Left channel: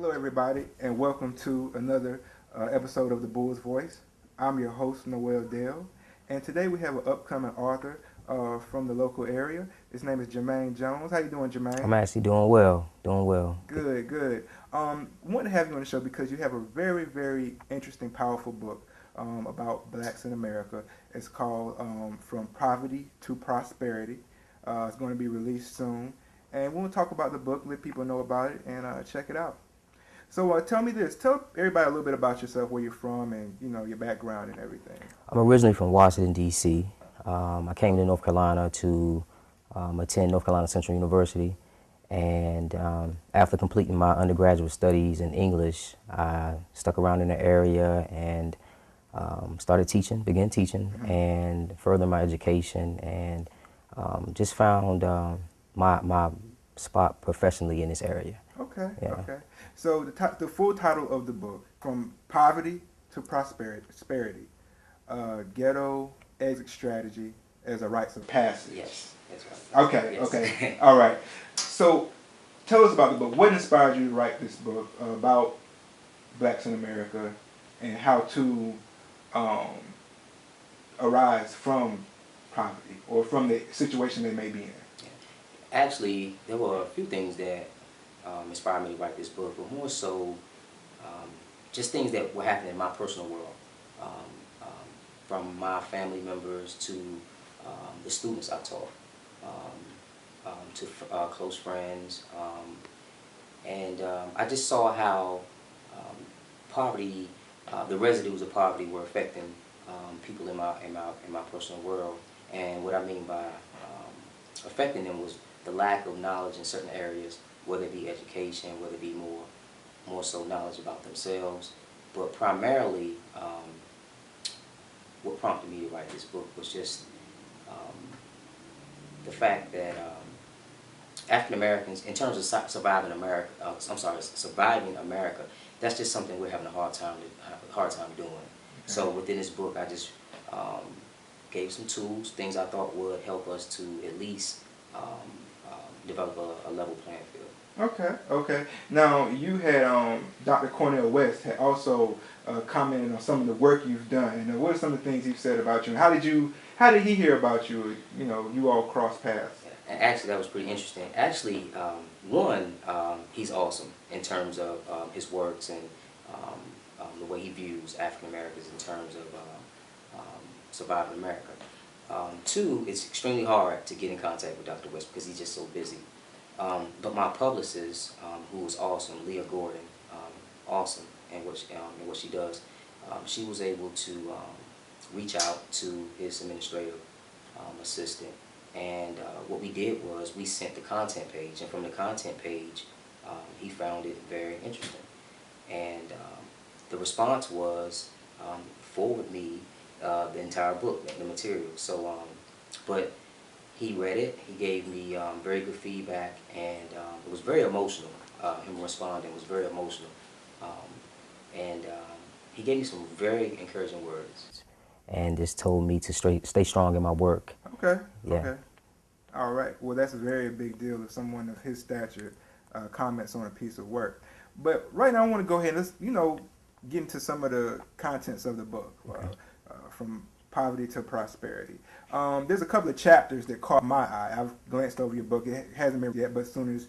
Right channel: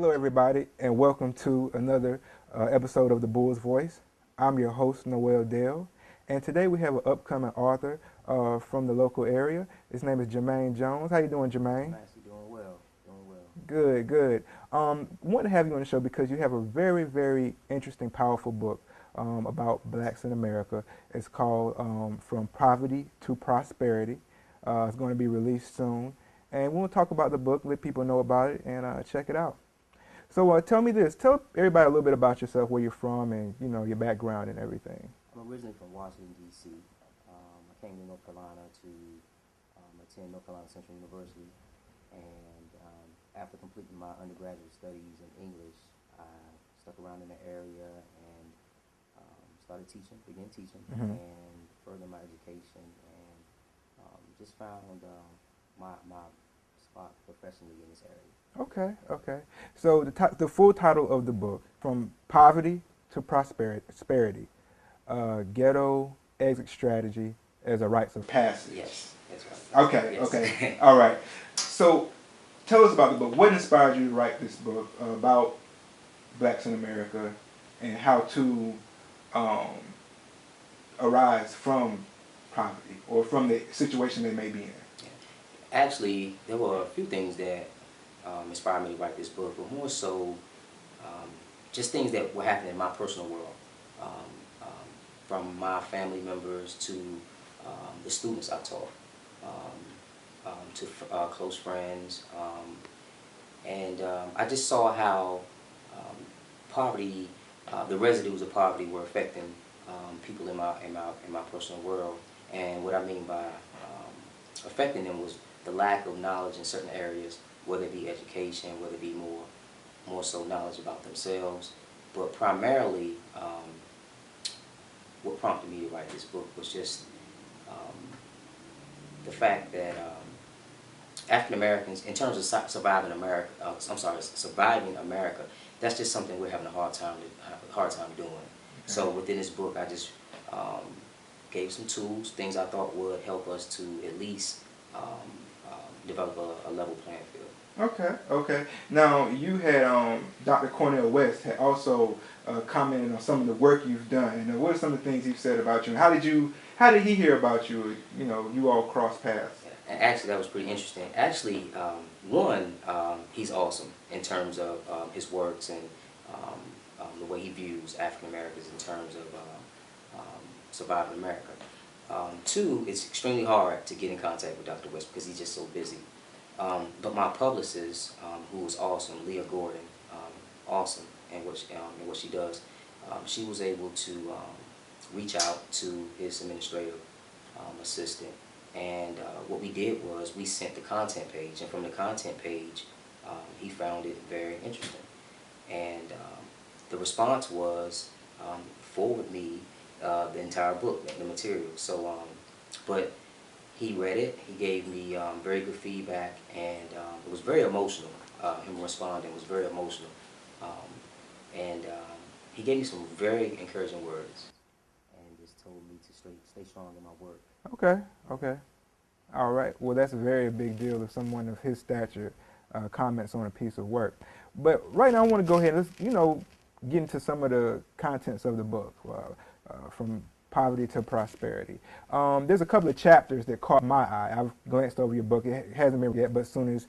Hello, everybody, and welcome to another episode of The Bull's Voice. I'm your host, Noel Dale, and today we have an upcoming author from the local area. His name is Jermaine Jones. How you doing, I'm Jermaine? actually doing well, doing well. Good, good. Want to have you on the show because you have a very, very interesting, powerful book about blacks in America. It's called From Poverty to Prosperity. It's going to be released soon, and we'll talk about the book, let people know about it, and check it out. So tell me this. Tell everybody a little bit about yourself, where you're from, and your background and everything. I'm originally from Washington, D.C. I came to North Carolina to attend North Carolina Central University, and after completing my undergraduate studies in English, I stuck around in the area and started teaching, began teaching, and further my education, and just found my spot professionally in this area. Okay, Yeah. okay. So the full title of the book, From Poverty to Prosperity, Ghetto Exit Strategy as a Rites of Passage. Yes, that's right. Okay, Yes. okay. All right. So tell us about the book. What inspired you to write this book about blacks in America and how to arise from poverty or from the situation they may be in? Actually, there were a few things that inspired me to write this book, but more so just things that were happening in my personal world, um, from my family members to the students I taught, to close friends, and I just saw how poverty, the residues of poverty, were affecting people in my personal world. And what I mean by affecting them was the lack of knowledge in certain areas, whether it be education, whether it be more so knowledge about themselves. But primarily, what prompted me to write this book was just the fact that African Americans, in terms of surviving America, surviving America, that's just something we're having a hard time doing. Okay. So within this book, I just gave some tools, things I thought would help us to at least develop a level playing field. Okay, okay. Now you had Dr. Cornel West had also commented on some of the work you've done. And what are some of the things he said about you? And how did he hear about you? You all crossed paths. And actually, that was pretty interesting. Actually, he's awesome in terms of his works and the way he views African Americans in terms of surviving America. Two, it's extremely hard to get in contact with Dr. West because he's just so busy. But my publicist, who was awesome, Leah Gordon, awesome in what she does, she was able to reach out to his administrative assistant, and what we did was we sent the content page, and from the content page, he found it very interesting, and the response was forward me the entire book, the material. So, but he read it. He gave me very good feedback, and it was very emotional. Him responding was very emotional, and he gave me some very encouraging words, and just told me to stay strong in my work. Okay. Yeah. Okay. All right. Well, that's a very big deal if someone of his stature comments on a piece of work. But right now, I want to go ahead and let's get into some of the contents of the book, from poverty to prosperity. There's a couple of chapters that caught my eye. I've glanced over your book. It hasn't been yet, but as soon as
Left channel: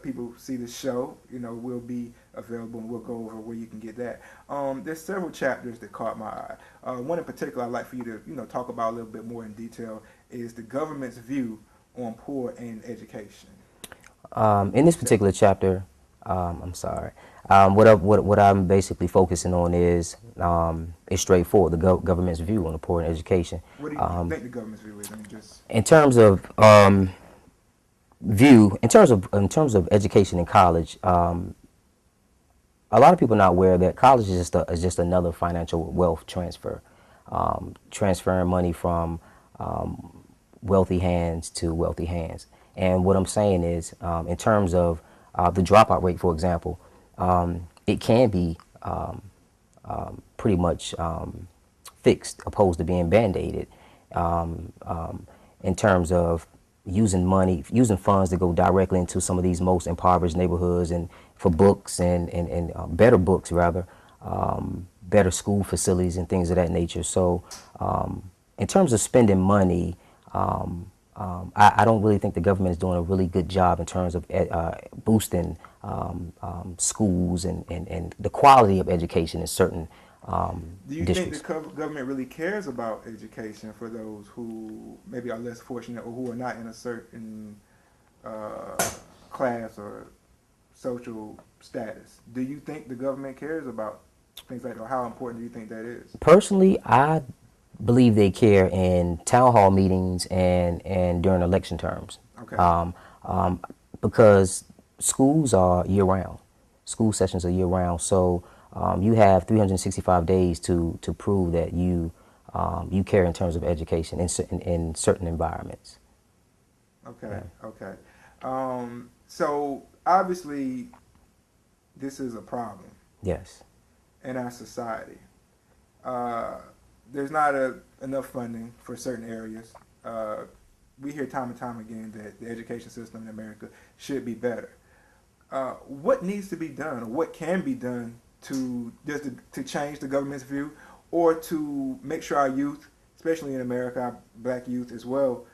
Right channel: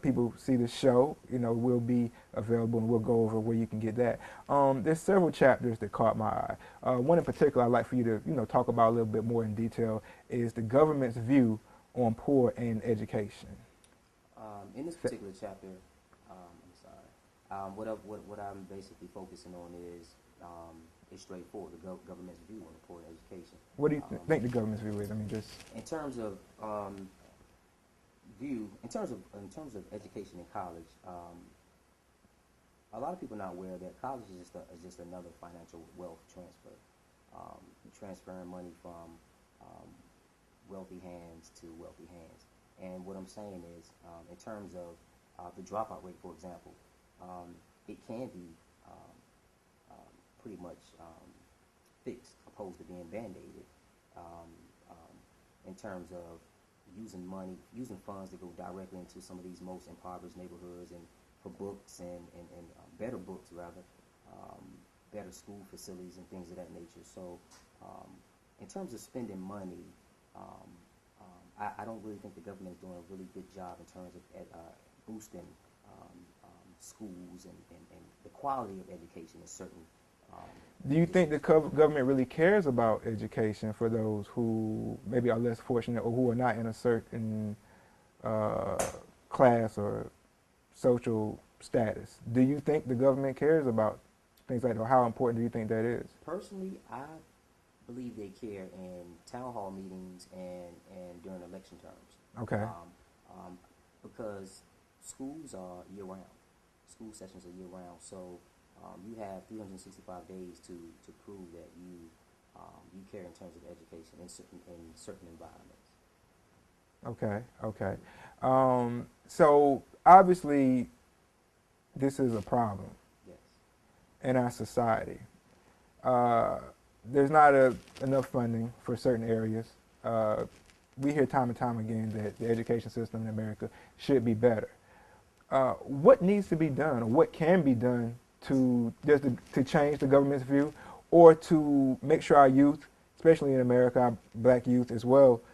people see the show, we'll be available and we'll go over where you can get that. There's several chapters that caught my eye. One in particular I'd like for you to talk about a little bit more in detail is the government's view on poor and education. In this particular chapter, what I'm basically focusing on is straightforward, the government's view on the poor and education. What do you think the government's view is? In terms of in terms of education in college, a lot of people are not aware that college is just another financial wealth transfer, transferring money from wealthy hands to wealthy hands. And what I'm saying is, in terms of the dropout rate, for example, it can be pretty much fixed, opposed to being band-aided, in terms of using funds to go directly into some of these most impoverished neighborhoods and for books and better books rather, better school facilities and things of that nature. So in terms of spending money, I don't really think the government is doing a really good job in terms of boosting schools and the quality of education in certain Do you think the districts. government really cares about education for those who maybe are less fortunate or who are not in a certain uh, class or social status? Do you think the government cares about things like that? Or how important do you think that is? Personally, I believe they care in town hall meetings and during election terms, Okay. um, um, because schools are year round. School sessions are year round, so you have 365 days to prove that you care in terms of education in certain environments. Okay. Okay. So obviously, this is a problem Yes. in our society. Uh, there's not enough funding for certain areas. Uh, we hear time and time again that the education system in America should be better. What needs to be done, or what can be done to change the government's view, or to make sure our youth, especially in America, our black youth as well,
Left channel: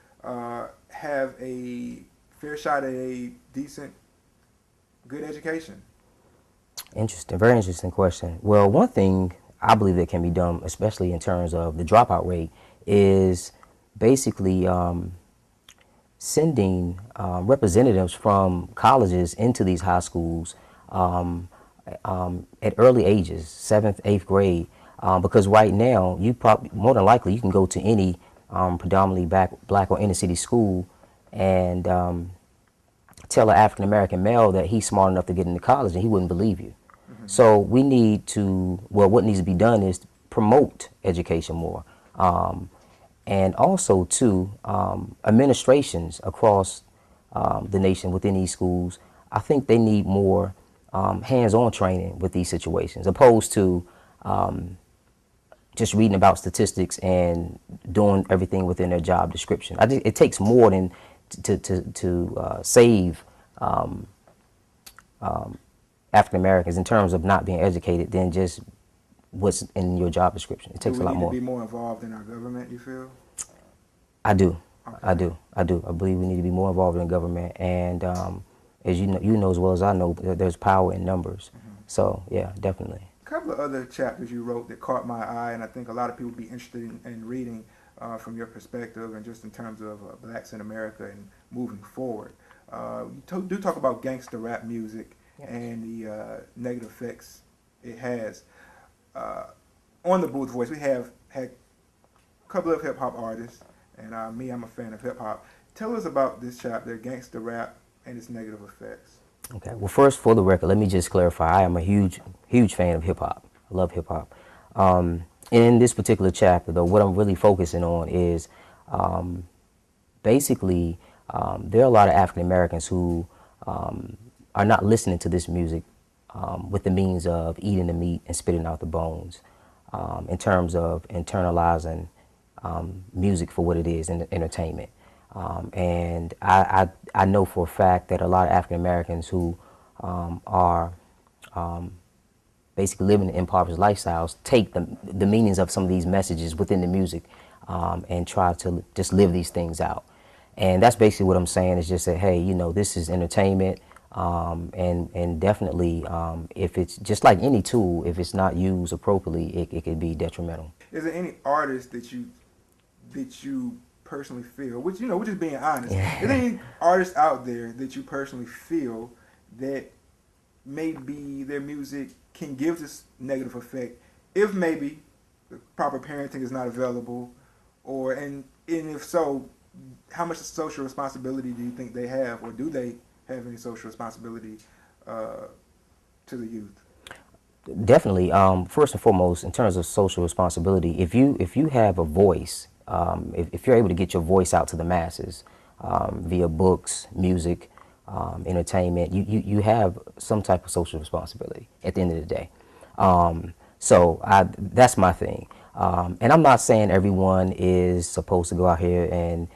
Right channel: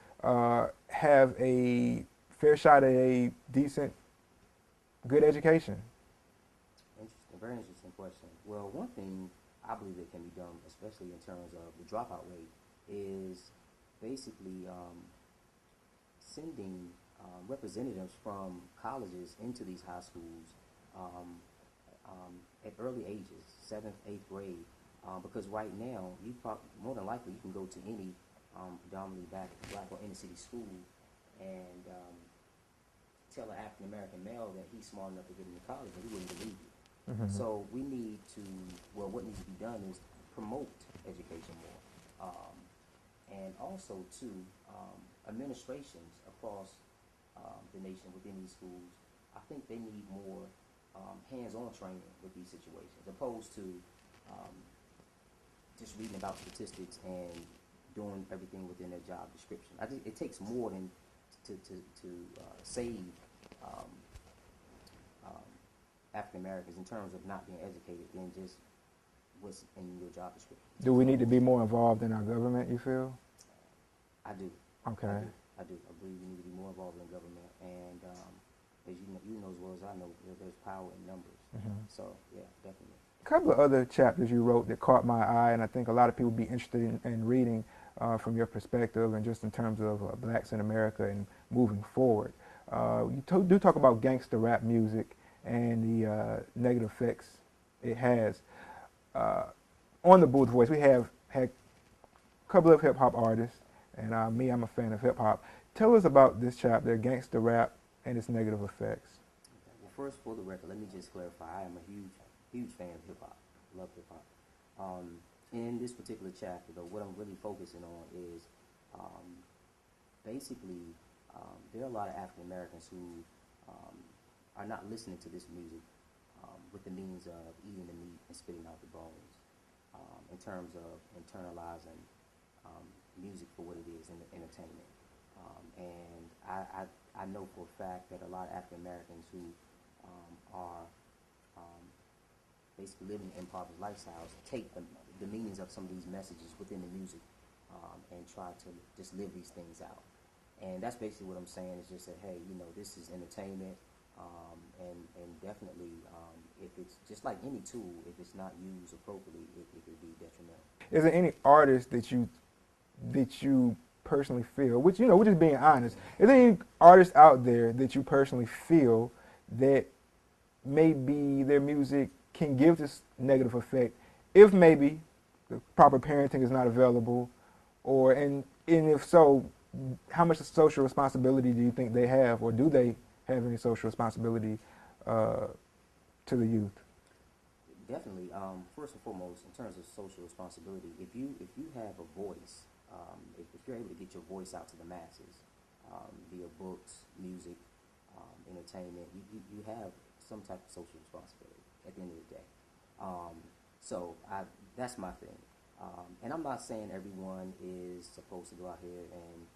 have a fair shot at a decent, good education? Interesting, very interesting question. Well, one thing I believe that can be done, especially in terms of the dropout rate, is basically sending representatives from colleges into these high schools um, at early ages, seventh, eighth grade, because right now you probably more than likely you can go to any predominantly black or inner city school and tell an African American male that he's smart enough to get into college and he wouldn't believe you. Mm-hmm. So we need to, well, what needs to be done is promote education more. And also, too, administrations across the nation within these schools, I think they need more hands-on training with these situations, opposed to just reading about statistics and doing everything within their job description. I think it takes more than to save African Americans in terms of not being educated than just what's in your job description. It Do takes a we lot need to more. be more involved in our government, you feel? I do. Okay. I do. I believe we need to be more involved in government, and as you know as well as I know, there's power in numbers. Mm-hmm. So yeah, definitely. A couple of other chapters you wrote that caught my eye, and I think a lot of people would be interested in reading from your perspective and just in terms of blacks in America and moving forward. Do talk about gangster rap music and the negative effects it has. On the Booth Voice, we have had a couple of hip hop artists, and I'm a fan of hip hop. Tell us about this chapter, gangster rap and its negative effects. Okay. Well, first, for the record, let me just clarify. I am a huge fan of hip hop. I love hip hop. In this particular chapter, though, what I'm really focusing on is basically there are a lot of African Americans who are not listening to this music with the means of eating the meat and spitting out the bones, in terms of internalizing music for what it is, entertainment. And I know for a fact that a lot of African Americans who are basically living in impoverished lifestyles take the meanings of some of these messages within the music and try to just live these things out. And that's basically what I'm saying is just that, hey, you know, this is entertainment, and definitely if it's just like any tool, if it's not used appropriately, it could be detrimental. Is there any artist that you personally feel, which we're just being honest, is there any artists out there that you personally feel that maybe their music can give this negative effect if maybe the proper parenting is not available, and if so, how much social responsibility do you think they have, or do they have any social responsibility to the youth? Definitely. First and foremost, in terms of social responsibility, if you have a voice, if you're able to get your voice out to the masses via books, music, entertainment, you have some type of social responsibility at the end of the day. So that's my thing. And I'm not saying everyone is supposed to go out here and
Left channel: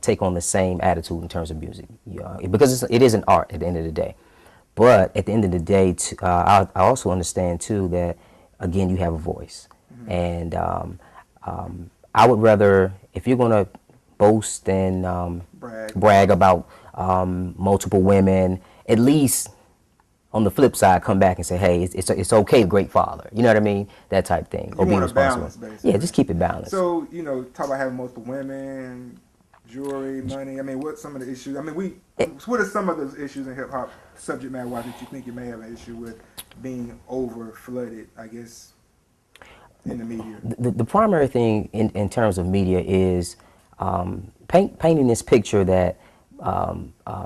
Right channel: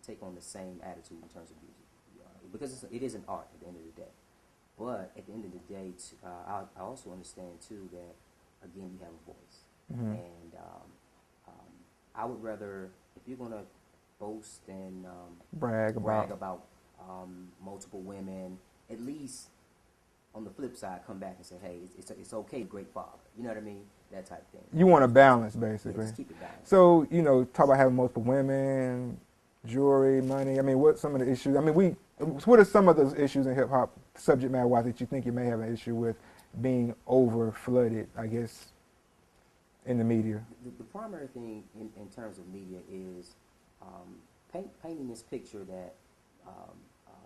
take on the same attitude in terms of music, because it is an art at the end of the day. But at the end of the day, I also understand too that again you have a voice, and I would rather, if you're gonna boast and brag about multiple women, at least on the flip side, come back and say, hey, it's okay, great father. You know what I mean? That type thing. You want a balance, basically. Yeah, just keep it balanced. So, talk about having multiple women, jewelry, money. I mean, what's some of the issues? I mean, what are some of those issues in hip hop, subject matter wise, that you think you may have an issue with being over flooded, I guess, in the media? The primary thing in terms of media is painting this picture that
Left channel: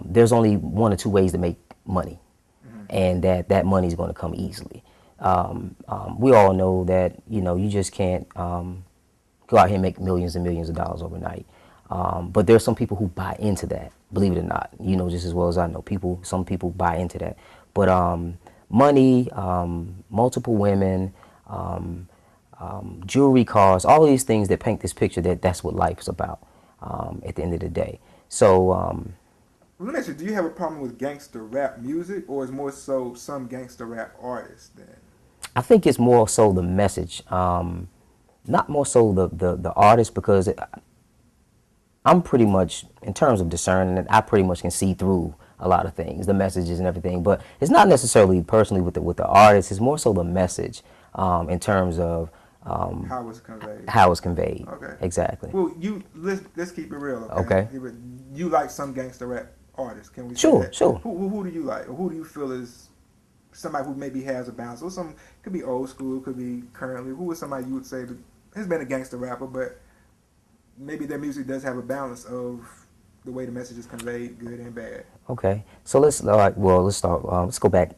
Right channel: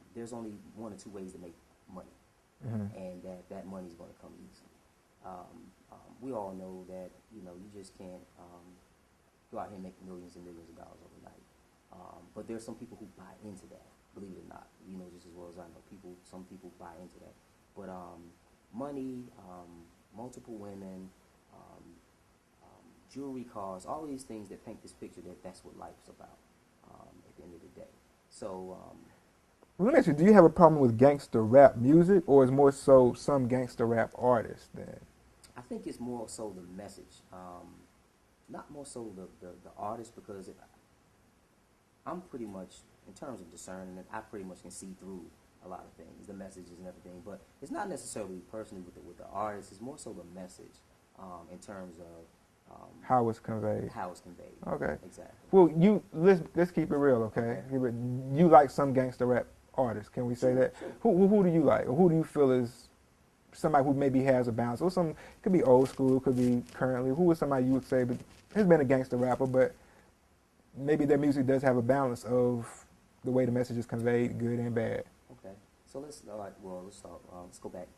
there's only one or two ways to make money, and that money is going to come easily. We all know that you just can't go out here and make millions and millions of dollars overnight. But there's some people who buy into that, believe it or not. Just as well as I know, some people buy into that. But money, multiple women, jewelry, cars, all of these things that paint this picture that's what life is about at the end of the day. So let me ask you, do you have a problem with gangster rap music, or is more so some gangster rap artists then? I think it's more so the message, not more so the artist, because I'm pretty much, in terms of discerning, I pretty much can see through a lot of things, the messages and everything. But it's not necessarily personally with the artist. It's more so the message in terms of how it's conveyed. How it's conveyed. Okay. Exactly. Well, let's keep it real. Okay. You like some gangster rap artists? Can we say that? Sure. Who do you like, or who do you feel is somebody who maybe has a balance, or could be old school, could be currently? Who is somebody you would say has been a gangster rapper, but maybe their music does have a balance of the way the message is conveyed, good and bad? Okay. So let's start. Let's go back